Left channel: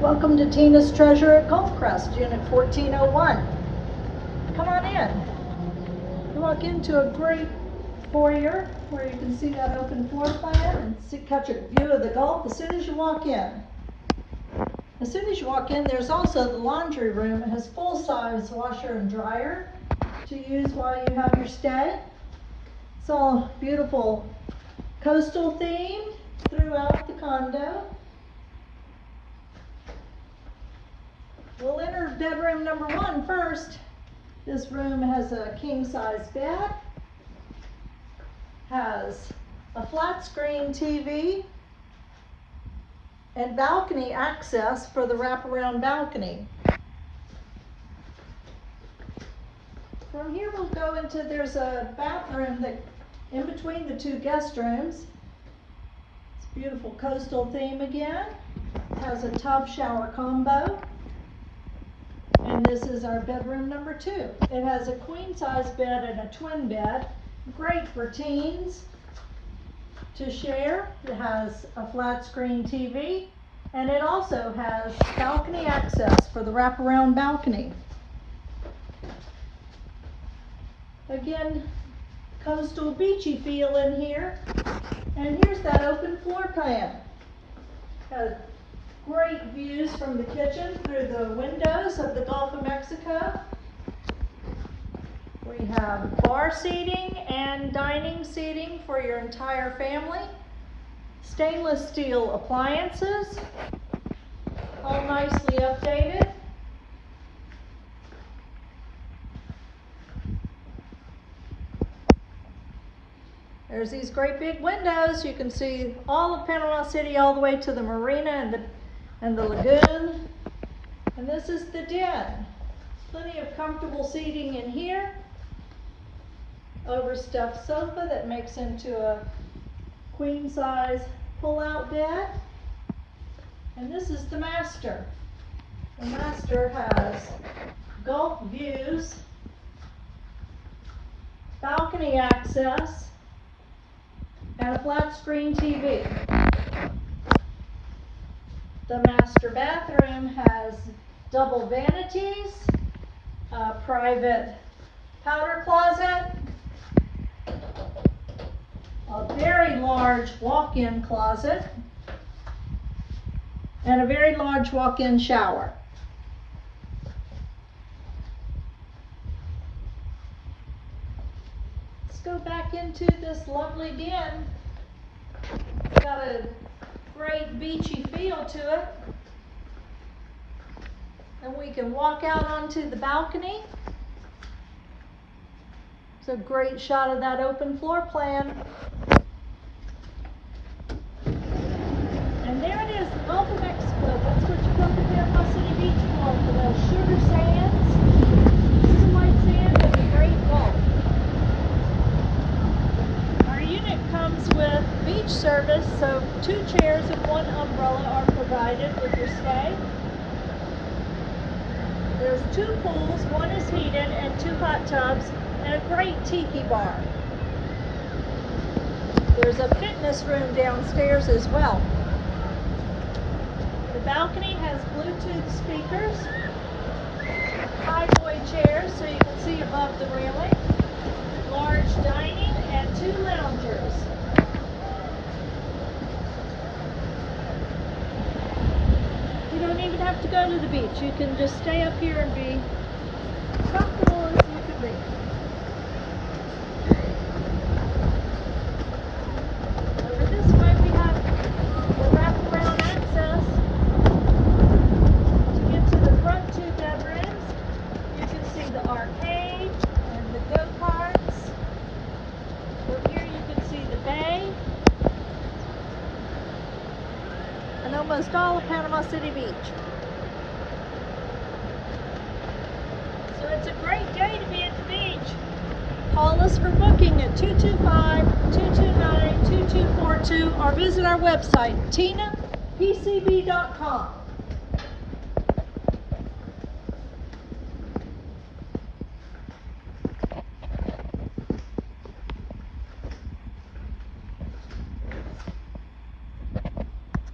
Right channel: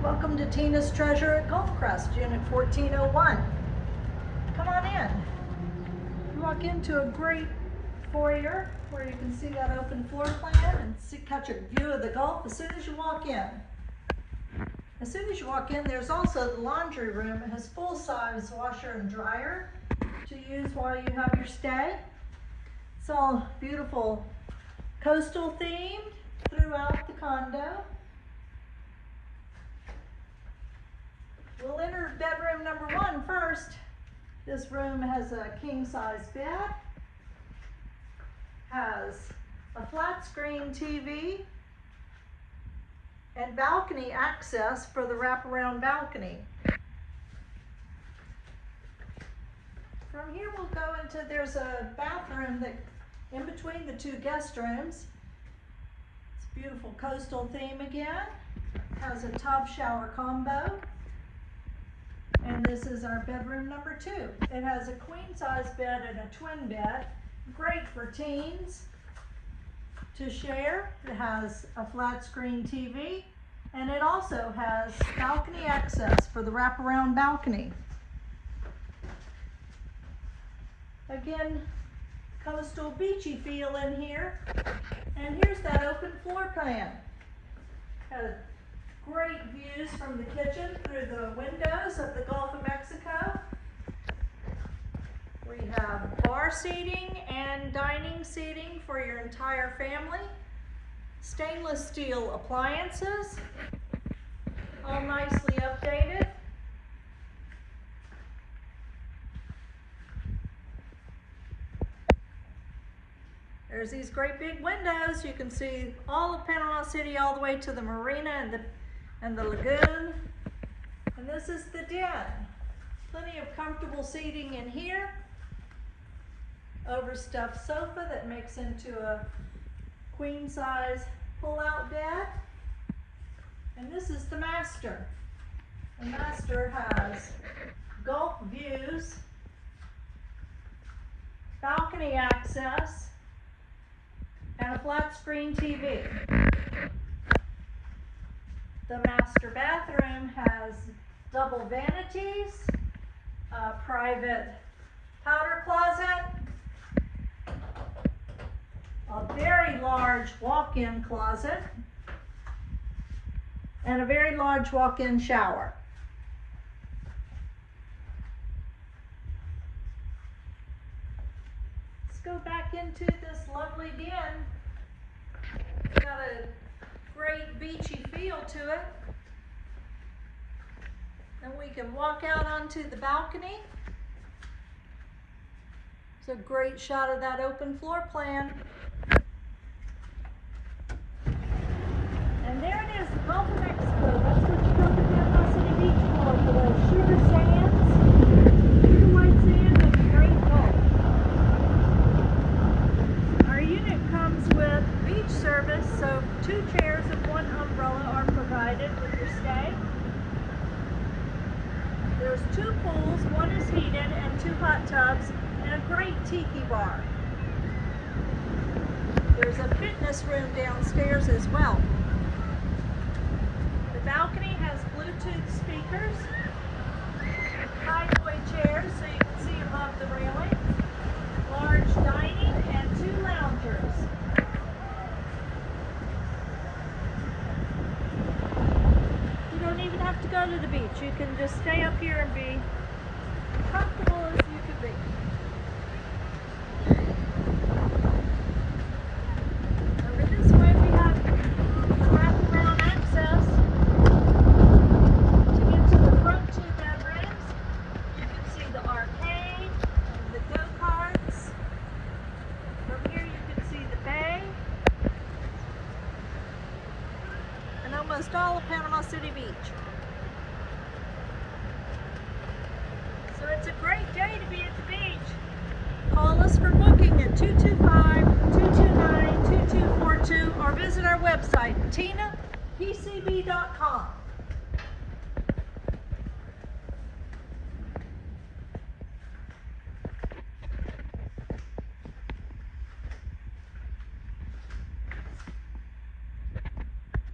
Welcome to Tina's Treasure at Crest, Unit 1401. Come on in. You walk into a great foyer where you can see that open floor plan and catch a view of the Gulf as soon as you walk in. As soon as you walk in, there's also the laundry room. It has full-size washer and dryer to use while you have your stay. It's all beautiful coastal themed throughout the condo. We'll enter bedroom number 1 first. This room has a king-size bed, has a flat screen TV, and balcony access for the wraparound balcony. From here we'll go into, there's a bathroom that in between the 2 guest rooms. It's a beautiful coastal theme again. It has a tub shower combo. And this is our bedroom number 2. It has a queen size bed and a twin bed. Great for teens to share. It has a flat screen TV, and it also has balcony access for the wraparound balcony. Again, coastal beachy feel in here. And here's that open floor plan. Has great views from the kitchen through the windows of the Gulf of Mexico. We have bar seating and dining seating for your entire family. Stainless steel appliances, all nicely updated. There's these great big windows. You can see all of Panama City all the way to the marina and the lagoon. And this is the den. Plenty of comfortable seating in here. Overstuffed sofa that makes into a queen size pull-out bed. And this is the master. The master has Gulf views, balcony access, and a flat screen TV. The master bathroom has double vanities, a private powder closet, a very large walk-in closet, and a very large walk-in shower. Let's go back into this lovely den. It's got a great beachy feel to it. And we can walk out onto the balcony. It's a great shot of that open floor plan. And there it is, the Gulf of Mexico. That's what you come to Panama City Beach for the sugar sands, sugar white sand, and the great Gulf. Our unit comes with beach service, so 2 chairs and 1 umbrella are provided with your stay. There's 2 pools, 1 is heated, and 2 hot tubs, and a great tiki bar. There's a fitness room downstairs as well. The balcony has Bluetooth speakers, high boy chairs so you can see above the railing, large dining, and 2 loungers. You don't even have to go to the beach. You can just stay up here and be comfortable as you can be. Over this way we have the wraparound access. To get to the front 2 bedrooms, you can see the arcade and the go-karts. From here you can see the bay and almost all of Panama City Beach. So it's a great day to be at the beach. Call us for booking at 225-229-2242 or visit our website, tinapcb.com.